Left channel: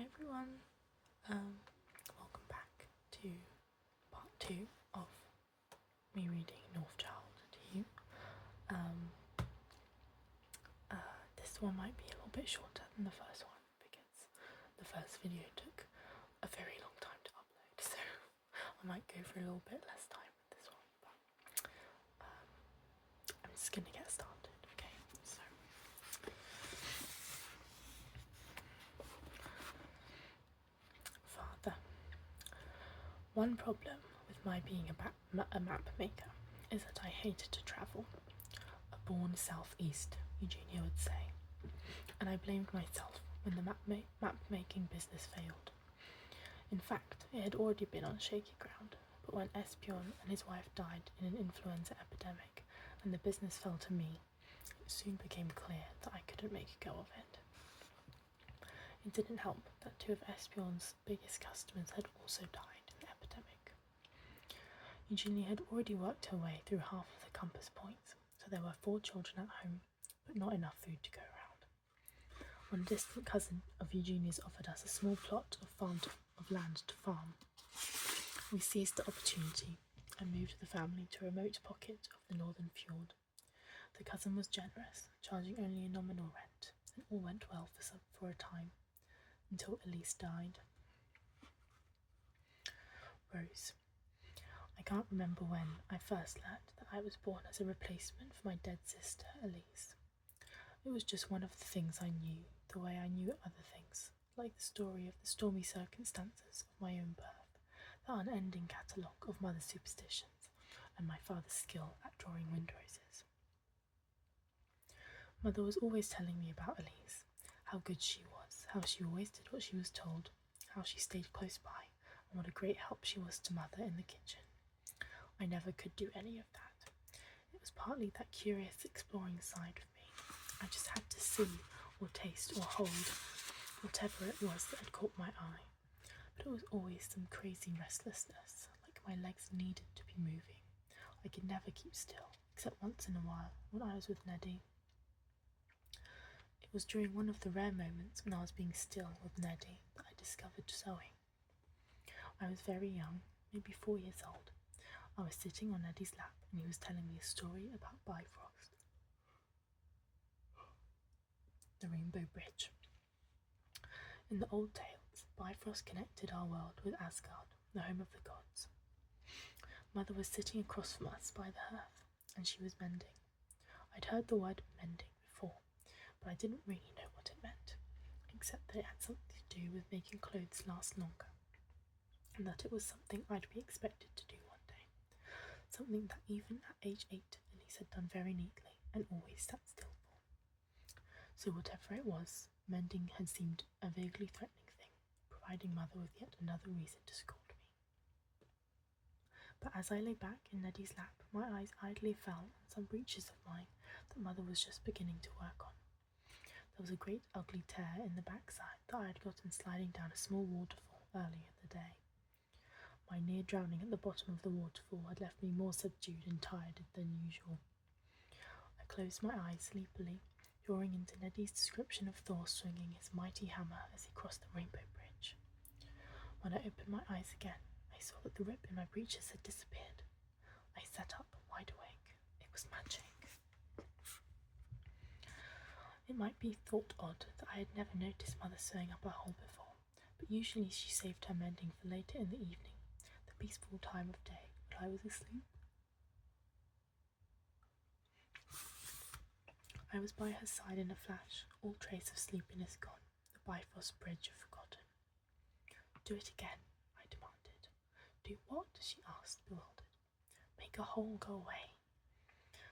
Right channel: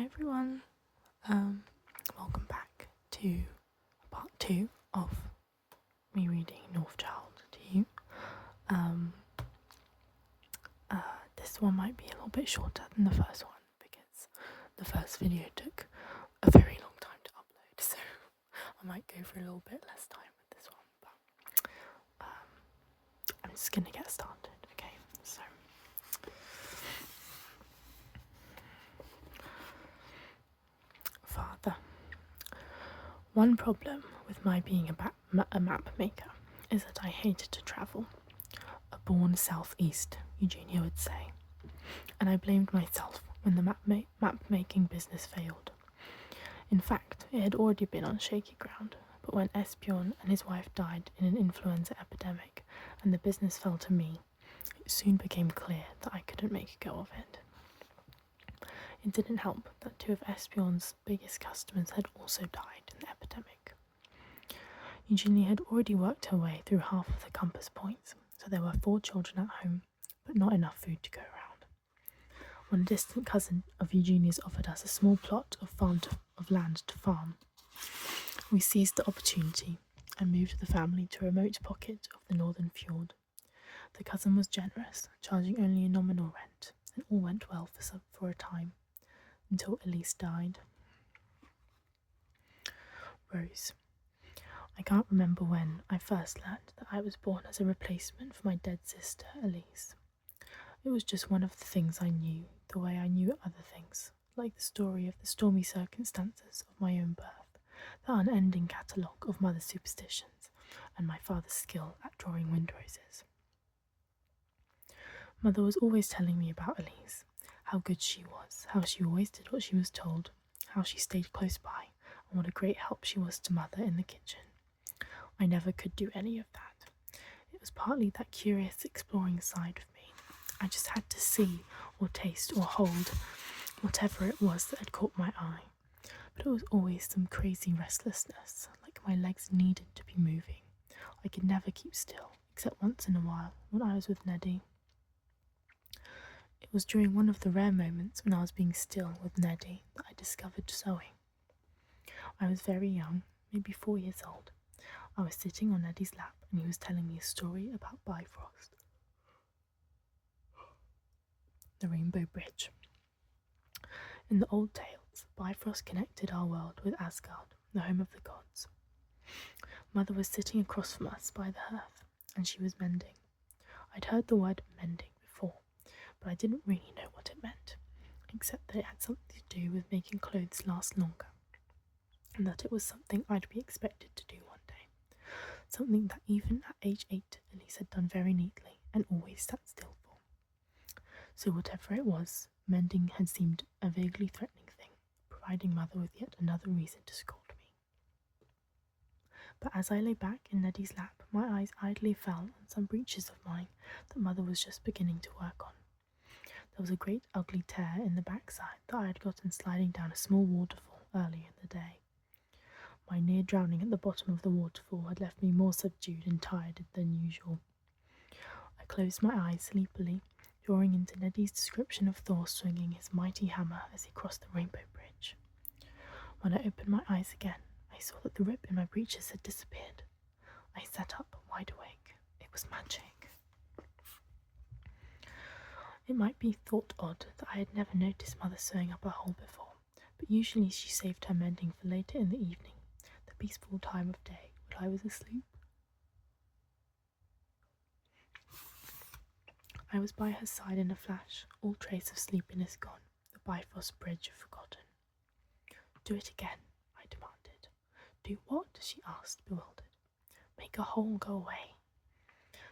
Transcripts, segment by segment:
Hi everyone, welcome back to part 2 of me reading Northchild to you. This one might be a little bit shorter than the first one because the first video took a very long time to upload, so I might go for a little bit less time with this one, but I'm just gonna get started, okay? So Father. One problem with my being a map maker is that I hated to travel. A born southeast, Eugenia would say, and I blamed myself when the map making business failed. In fact, it had already been on shaky ground, but when Esbjorn and his wife died in an influenza epidemic and the business fell to me, it soon became clear that I couldn't make a go of it. It didn't help that two of Esbjorn's biggest customers had also died in the epidemic. Eugenia had already worked her way through half of the compass points, so there were 4 children at home, but not enough food to go around. When a distant cousin of Eugenia's offered us a small plot of land to farm, we seized the opportunity and moved the family to a remote pocket of the northern fjord. The cousin was generous, charging only a nominal rent, and all went well for a time, until Elise died. Rose. I can't remember when I first learned that I was born as a replacement for my dead sister, Elise. It was just one of the things I knew, the way I knew other things, like the story of the stormy circumstances of my own birth, the unending catalogue of mother's superstitions, and my father's skill at drawing windroses. Mother was always telling me about Elise, how good she was, how she always did what she was told, how she stayed close by, and what a great help she was to Mother in the kitchen. I never could do any of that. It was partly that curious exploring side of me. I just had to see or taste or hold whatever it was that had caught my eye. But it was always some crazy restlessness, like my legs needed to be moving. I could never keep still, except once in a while when I was with Neddy. It was during one of the rare moments when I was being still with Neddy that I discovered sewing. I was very young, maybe 4 years old. I was sitting on Neddy's lap and he was telling me a story about Bifrost. The Rainbow Bridge. In the old tales, Bifrost connected our world with Asgard, the home of the gods. Mother was sitting across from us by the hearth, and she was mending. I'd heard the word mending before, but I didn't really know what it meant, except that it had something to do with making clothes last longer, and that it was something I'd be expected to do one day. Something that even at age 8, Elise had done very neatly and always sat still for. So whatever it was, mending had seemed a vaguely threatening thing, providing Mother with yet another reason to scold me. But as I lay back in Neddy's lap, my eyes idly fell on some breeches of mine that Mother was just beginning to work on. There was a great ugly tear in the backside that I had gotten sliding down a small waterfall earlier in the day. My near drowning at the bottom of the waterfall had left me more subdued and tired than usual. I closed my eyes sleepily, drawing into Neddy's description of Thor swinging his mighty hammer as he crossed the Rainbow Bridge. When I opened my eyes again, I saw that the rip in my breeches had disappeared. I sat up, wide awake. It was magic. It might be thought odd that I had never noticed Mother sewing up a hole before, but usually she saved her mending for later in the evening, the peaceful time of day when I was asleep. I was by her side in a flash, all trace of sleepiness gone, the Bifrost Bridge forgotten. Do it again, I demanded. Do what? She asked, bewildered. Make a hole go away.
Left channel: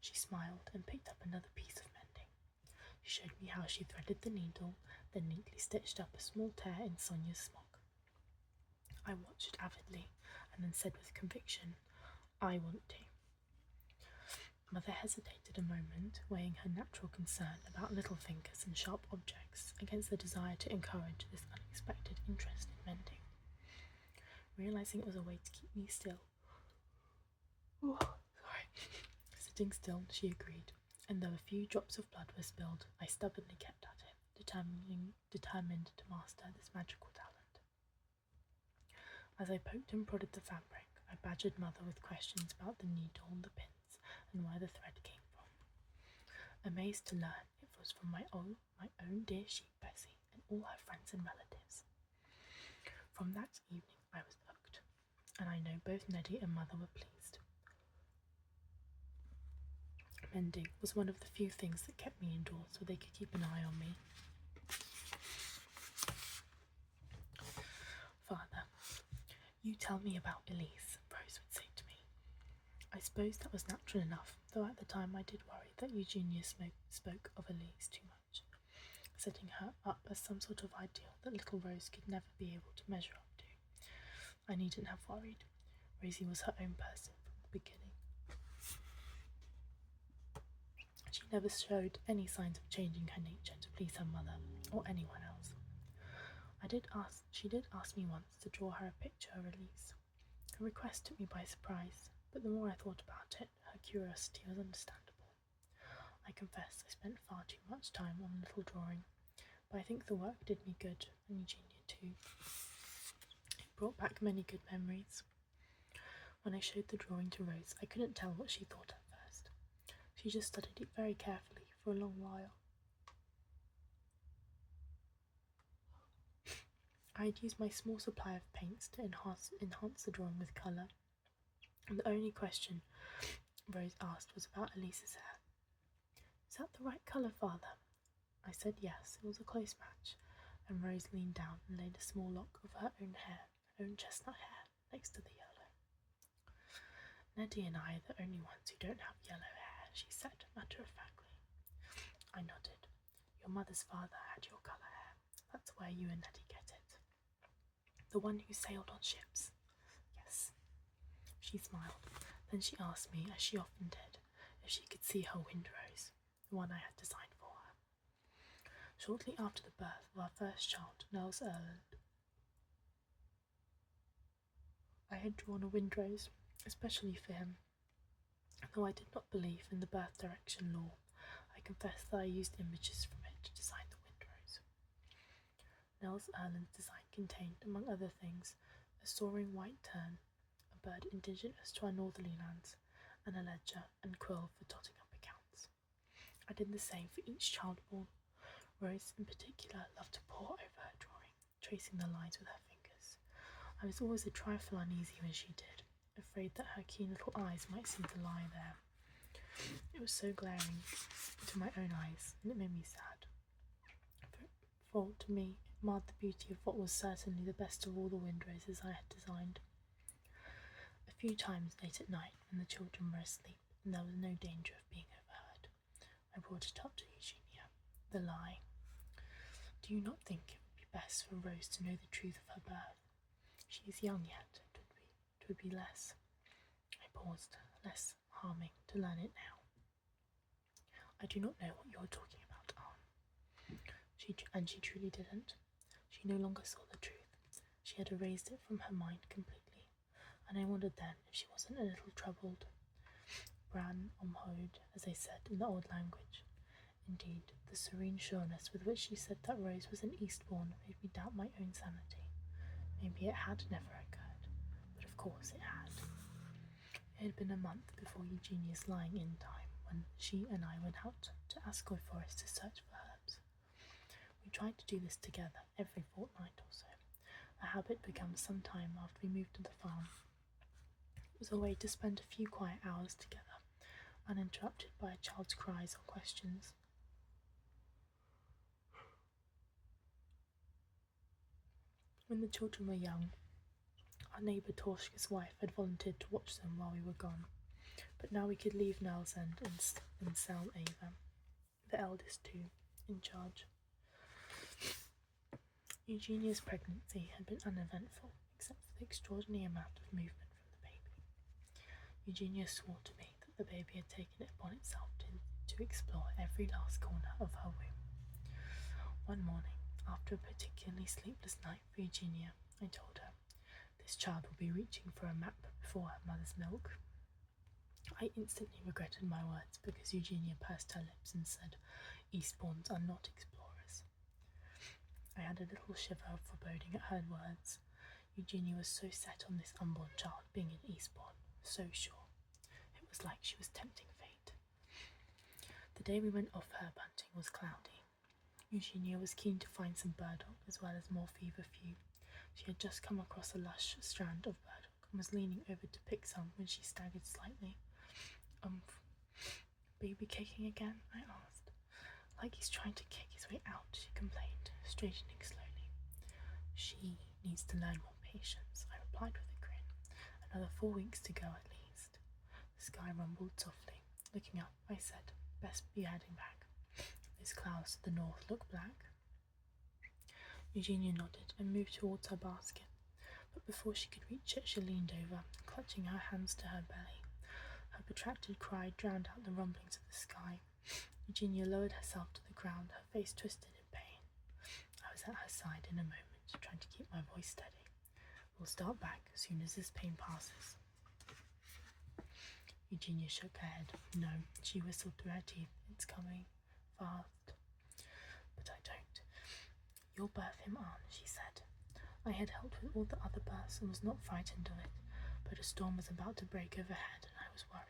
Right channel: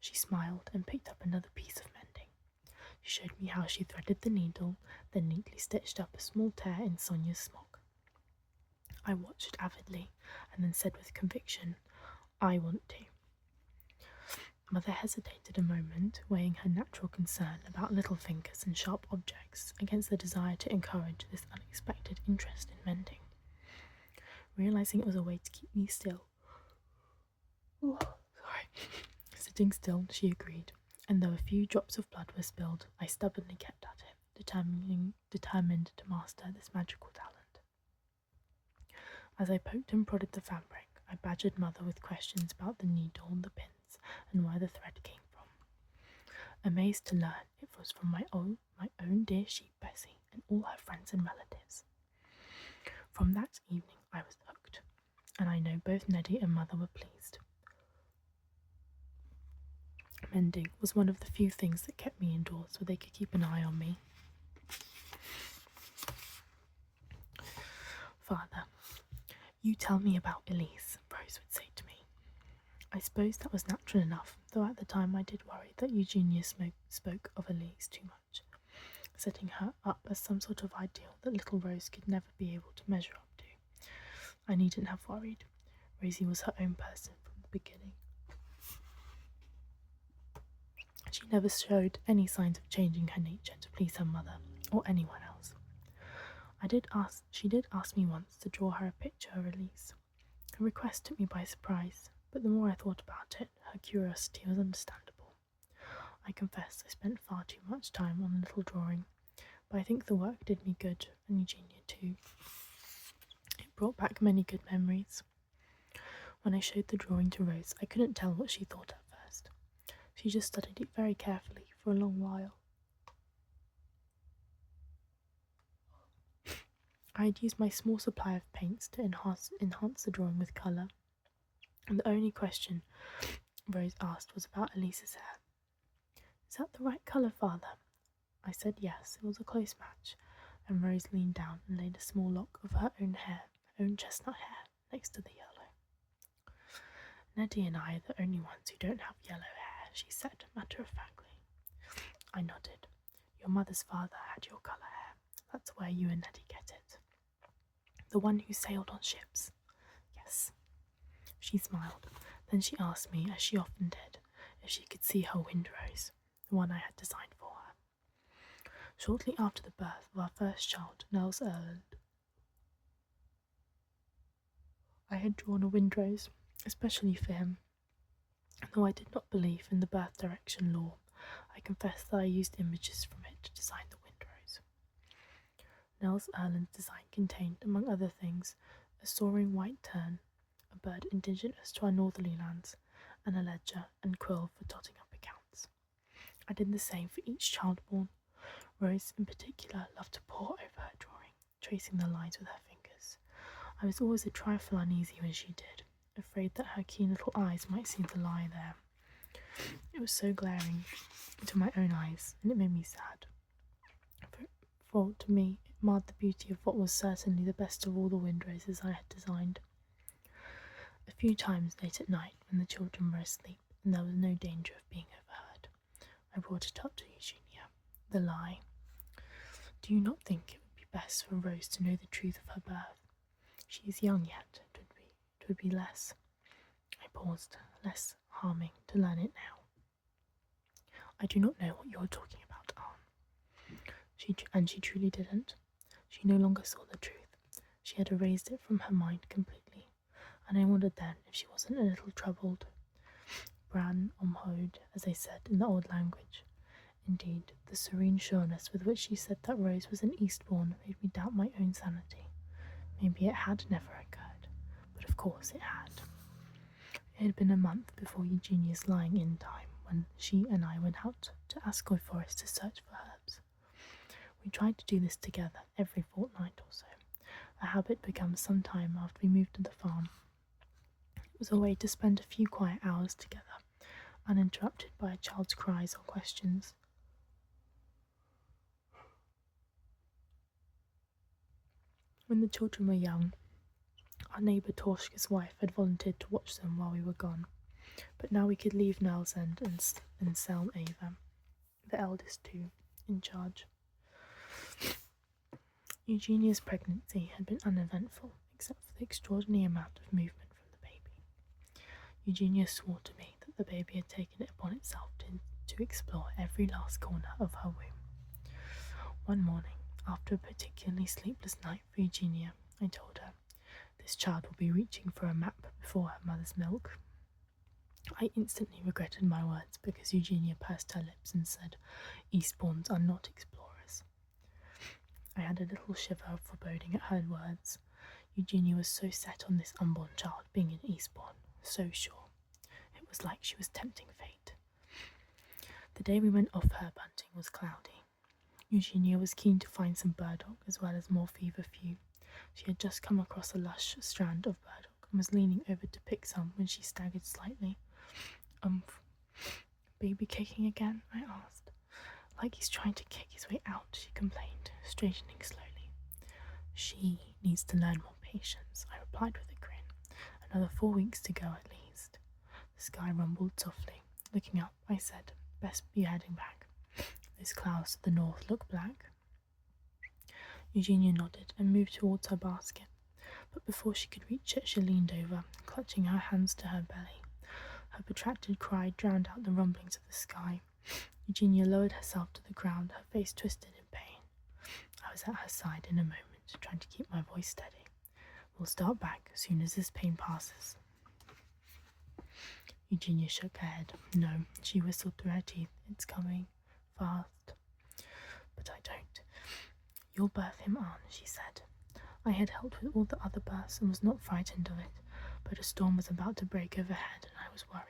She smiled and picked up another piece of mending. She showed me how she threaded the needle, then neatly stitched up a small tear in Sonia's smock. I watched avidly, and then said with conviction, I want to. Mother hesitated a moment, weighing her natural concern about little fingers and sharp objects against the desire to encourage this unexpected interest in mending. Realizing it was a way to keep me still, sitting still, she agreed, and though a few drops of blood were spilled, I stubbornly kept at it, determined to master this magical talent. As I poked and prodded the fabric, I badgered Mother with questions about the needle and the pins and where the thread came from. Amazed to learn it was from my own dear sheep Bessie and all her friends and relatives. From that evening I was hooked, and I know both Neddy and Mother were pleased. Mending was one of the few things that kept me indoors so they could keep an eye on me. Father, you tell me about Elise, Rose would say to me. I suppose that was natural enough, though at the time I did worry that Eugenia spoke of Elise too much, setting her up as some sort of ideal that little Rose could never be able to measure up to. I needn't have worried. Rosie was her own person from the beginning. She never showed any signs of changing her nature to please her mother or anyone else. She did ask me once to draw her a picture of Elise. Her request took me by surprise, but the more I thought about it, her curiosity was understandable. I confess I spent far too much time on a little drawing, but I think the work did me good, and Eugenia too. It brought back many good memories. When I showed the drawing to Rose, I couldn't tell what she thought at first. She just studied it very carefully for a long while. I had used my small supply of paints to enhance the drawing with colour, and the only question Rose asked was about Elise's hair. "Is that the right colour, Father?" I said yes, it was a close match, and Rose leaned down and laid a small lock of her own chestnut hair, next to the yellow. "Neddy and I are the only ones who don't have yellow hair," she said, matter-of-factly. I nodded. "Your mother's father had your colour hair. That's where you and Neddy get it." "The one who sailed on ships?" "Yes." She smiled. Then she asked me, as she often did, if she could see her windrose, the one I had designed for her. Shortly after the birth of our first child, Nels Erland, I had drawn a windrose, especially for him. Though I did not believe in the birth direction law, I confess that I used images from it to design the windrose. Nels Erland's design contained, among other things, a soaring white tern, a bird indigenous to our northerly lands, and a ledger and quill for totting up accounts. I did the same for each child born. Rose, in particular, loved to pore over her drawing, tracing the lines with her fingers. I was always a trifle uneasy when she did, afraid that her keen little eyes might seem to lie there. It was so glaring into my own eyes, and it made me sad. For to me, it marred the beauty of what was certainly the best of all the windroses I had designed. A few times late at night, when the children were asleep and there was no danger of being overheard, I brought it up to Eugenia. The lie. "Do you not think it would be best for Rose to know the truth of her birth? She is young yet. It would be less—" I paused. "Less harming to learn it now." "I do not know what you are talking about, Aunt." She truly didn't. She no longer saw the truth. She had erased it from her mind completely, and I wondered then if she wasn't a little troubled. Bran omhod, as they said in the old language. Indeed, the serene sureness with which she said that Rose was an Eastbourne made me doubt my own sanity. Maybe it had never occurred, but of course it had. It had been a month before Eugenia's lying-in time when she and I went out to Ascoy Forest to search for herbs. We tried to do this together every fortnight or so, a habit begun some time after we moved to the farm. It was a way to spend a few quiet hours together, uninterrupted by a child's cries or questions. When the children were young, our neighbour Torshka's wife had volunteered to watch them while we were gone, but now we could leave Nell's End and Selm Ava, the eldest two, in charge. Eugenia's pregnancy had been uneventful, except for the extraordinary amount of movement from the baby. Eugenia swore to me that the baby had taken it upon itself to explore every last corner of her womb. One morning, after a particularly sleepless night for Eugenia, I told her, "This child will be reaching for a map before her mother's milk." I instantly regretted my words because Eugenia pursed her lips and said, "Eastbournes are not explorers." I had a little shiver of foreboding at her words. Eugenia was so set on this unborn child being an Eastbourne, so sure. It was like she was tempting fate. The day we went off herb hunting was cloudy. Eugenia was keen to find some burdock as well as more feverfew. She had just come across a lush strand of burdock and was leaning over to pick some when she staggered slightly. Baby kicking again? I asked. Like he's trying to kick his way out, she complained, straightening slowly. She needs to learn more patience, I replied with a grin. Another 4 weeks to go at least. The sky rumbled softly. Looking up, I said, best be heading back. Those clouds to the north look black. Eugenia nodded and moved towards her basket, but before she could reach it, she leaned over, clutching her hands to her belly. Her protracted cry drowned out the rumblings of the sky. Eugenia lowered herself to the ground, her face twisted in pain. I was at her side in a moment, trying to keep my voice steady. We'll start back as soon as this pain passes. Eugenia shook her head. No, she whistled through her teeth. It's coming. Fast. But I don't. You'll birth him on, she said. I had helped with all the other births and was not frightened of it, but a storm was about to break overhead and I was worried.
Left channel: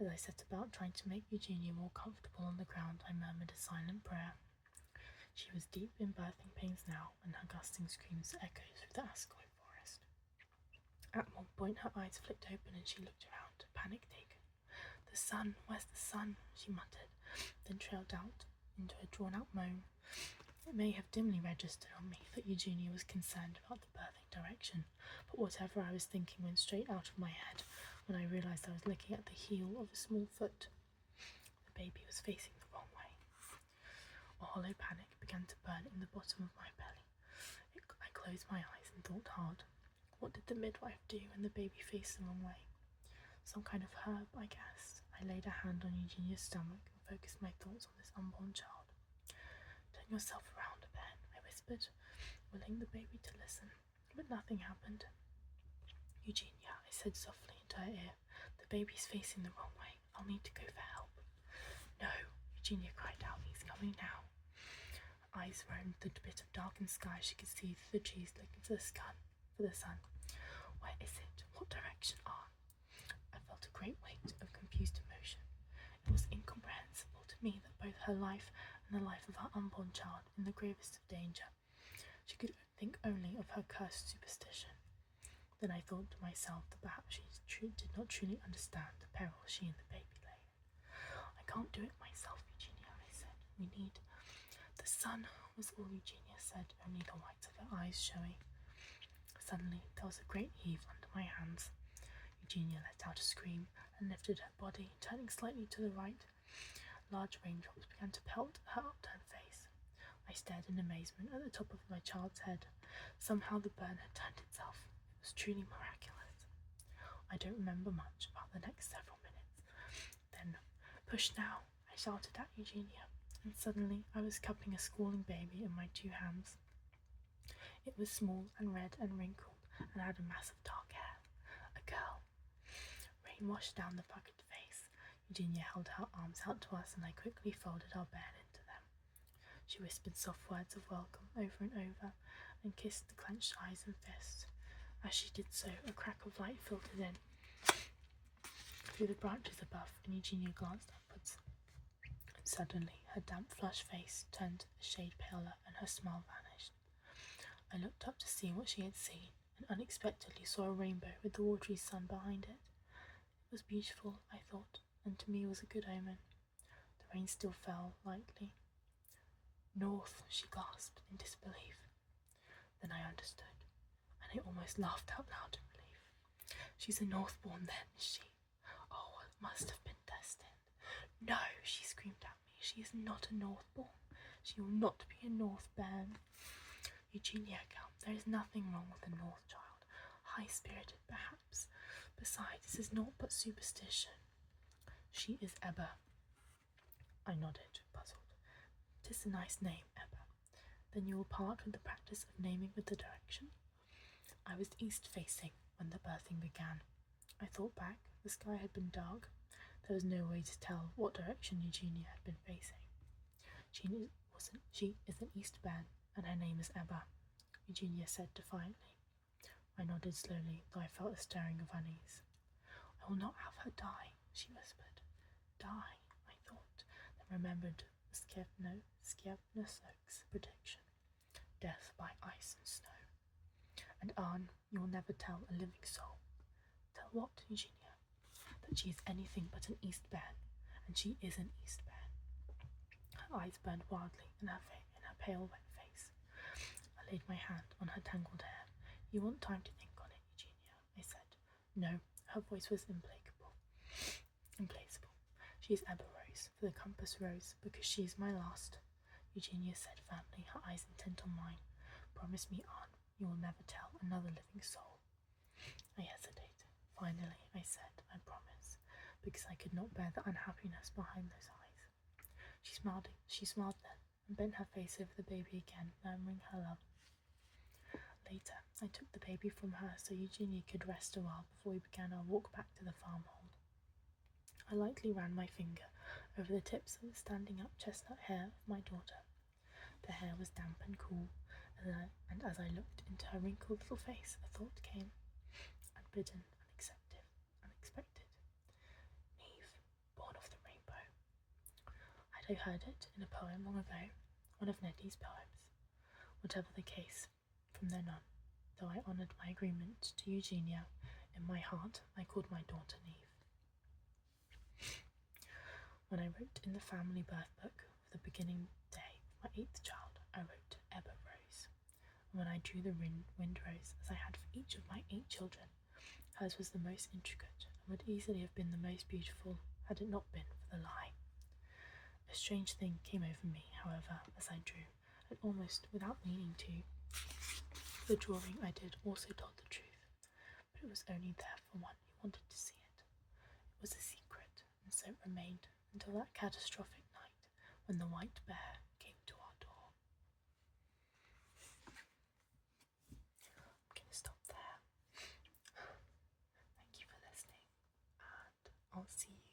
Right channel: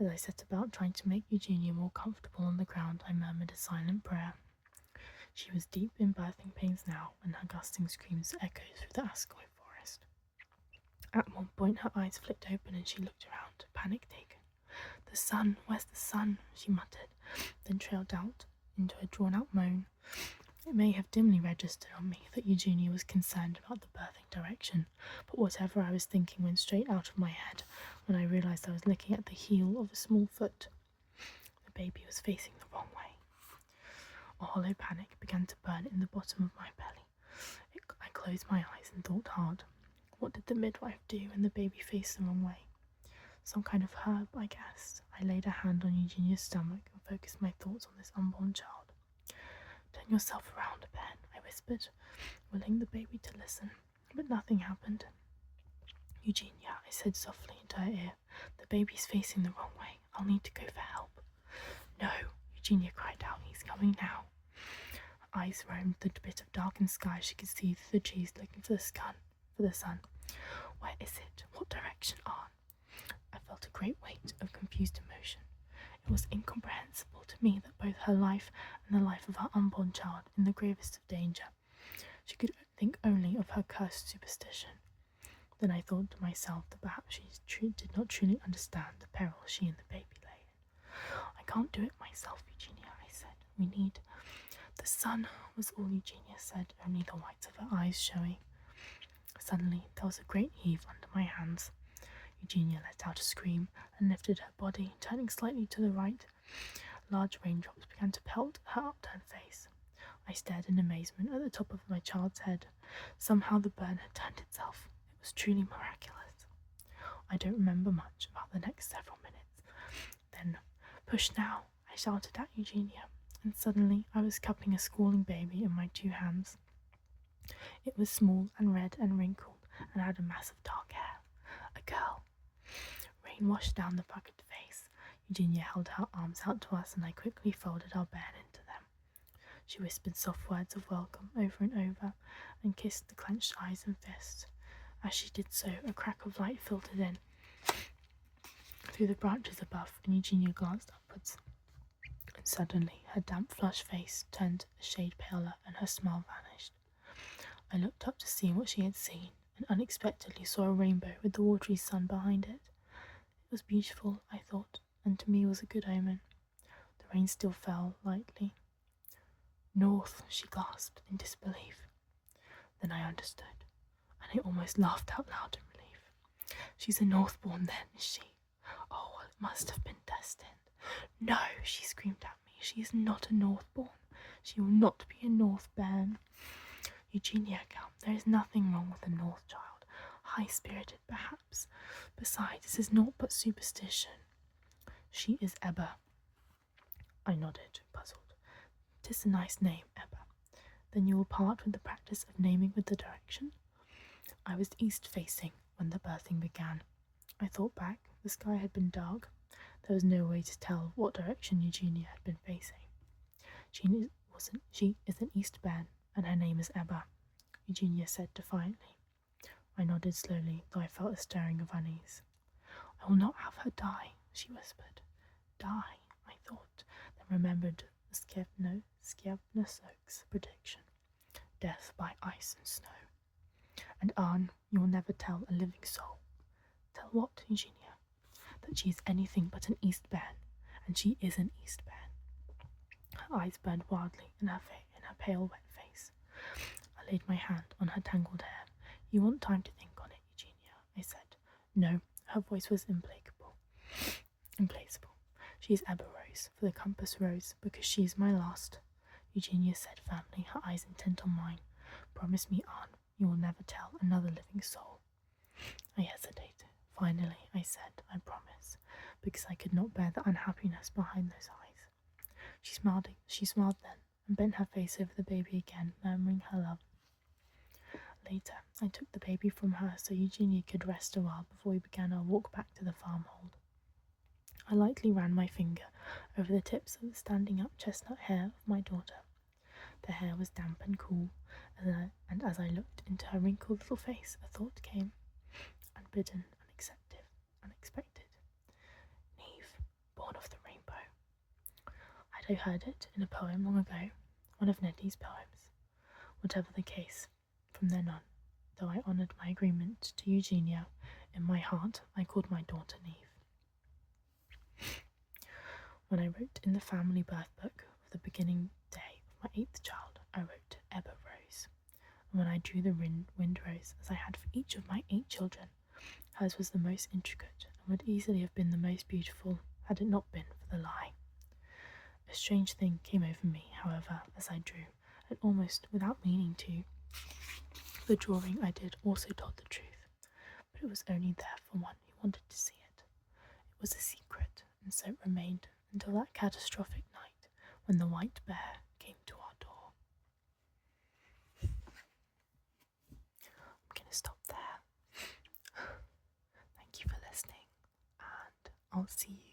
As I set about trying to make Eugenia more comfortable on the ground, I murmured a silent prayer. She was deep in birthing pains now, and her gusting screams echoed through the Ascoy forest. At one point her eyes flicked open and she looked around, panic-taken. The sun, where's the sun? She muttered, then trailed out into a drawn-out moan. It may have dimly registered on me that Eugenia was concerned about the birthing direction, but whatever I was thinking went straight out of my head when I realised I was looking at the heel of a small foot. The baby was facing the wrong way. A hollow panic began to burn in the bottom of my belly. I closed my eyes and thought hard. What did the midwife do when the baby faced the wrong way? Some kind of herb, I guessed. I laid a hand on Eugenia's stomach and focused my thoughts on this unborn child. Turn yourself around, Ben, I whispered, willing the baby to listen, but nothing happened. Eugenia, I said softly into her ear, the baby's facing the wrong way. I'll need to go for help. No, Eugenia cried out, he's coming now. Her eyes roamed the bit of darkened sky she could see through the trees, looking for the sun. Where is it? What direction on? I felt a great weight of confused emotion. It was incomprehensible to me that both her life and the life of her unborn child in the gravest of danger. She could think only of her cursed superstition. Then I thought to myself that perhaps she did not truly understand the peril she and the baby lay in. I can't do it myself, Eugenia, I said. We need... The sun was all Eugenia said, only the whites of her eyes showing. Suddenly there was a great heave under my hands. Eugenia let out a scream and lifted her body, turning slightly to the right. Large raindrops began to pelt her upturned face. I stared in amazement at the top of my child's head. Somehow the burn had turned itself. It was truly miraculous. I don't remember much about the next several minutes. Then, push now, I shouted at Eugenia, and suddenly I was cupping a squalling baby in my 2 hands. It was small and red and wrinkled and had a mass of dark hair. A girl. Rain washed down the puckered face. Eugenia held her arms out to us and I quickly folded our bairn into them. She whispered soft words of welcome over and over and kissed the clenched eyes and fists. As she did so, a crack of light filtered in through the branches above, and Eugenia glanced upwards. And suddenly, her damp, flushed face turned a shade paler, and her smile vanished. I looked up to see what she had seen, and unexpectedly saw a rainbow with the watery sun behind it. It was beautiful, I thought, and to me was a good omen. The rain still fell lightly. North, she gasped in disbelief. Then I understood. I almost laughed out loud in relief. She's a Northbourne then, is she? Oh, well, it must have been destined. No, she screamed at me. She is not a Northbourne. She will not be a Northbairn. Eugenia, Count, there is nothing wrong with a North child. High-spirited, perhaps. Besides, this is naught but superstition. She is Ebba. I nodded, puzzled. 'Tis a nice name, Ebba. Then you will part with the practice of naming with the direction? I was east-facing when the birthing began. I thought back. The sky had been dark. There was no way to tell what direction Eugenia had been facing. She is an east bairn, and her name is Ebba, Eugenia said defiantly. I nodded slowly, though I felt a stirring of unease. I will not have her die, she whispered. Die, I thought, then remembered the Skjebnesok's prediction. Death by ice and snow. And Arn, you will never tell a living soul. Tell what, Eugenia? That she is anything but an Eastbairn, and she is an Eastbairn. Her eyes burned wildly in her pale, wet face. I laid my hand on her tangled hair. You want time to think on it, Eugenia, I said. No, her voice was implacable. She is Ebba Rose, for the compass rose, because she is my last. Eugenia said firmly, her eyes intent on mine. Promise me, Arn, you will never tell another living soul. I hesitated. Finally, I said, I promise, because I could not bear the unhappiness behind those eyes. She smiled then, and bent her face over the baby again, murmuring her love. Later, I took the baby from her so Eugenia could rest a while before we began our walk back to the farmhold. I lightly ran my finger over the tips of the standing-up chestnut hair of my daughter. The hair was damp and cool, and as I looked into her wrinkled little face, a thought came, unbidden, unexpected. Neve, born of the rainbow. Had I heard it in a poem long ago, one of Nettie's poems? Whatever the case, from then on, though I honoured my agreement to Eugenia, in my heart I called my daughter Neve. When I wrote in the family birth book of the beginning day of my 8th child, I wrote Ebba Rose. And when I drew the wind rose, as I had for each of my 8 children, hers was the most intricate and would easily have been the most beautiful had it not been for the lie. A strange thing came over me, however, as I drew, and almost without meaning to. The drawing I did also told the truth, but it was only there for one who wanted to see it. It was a secret, and so it remained until that catastrophic night when the white bear came to our door. I'm going to stop there. Thank you for listening, and I'll see you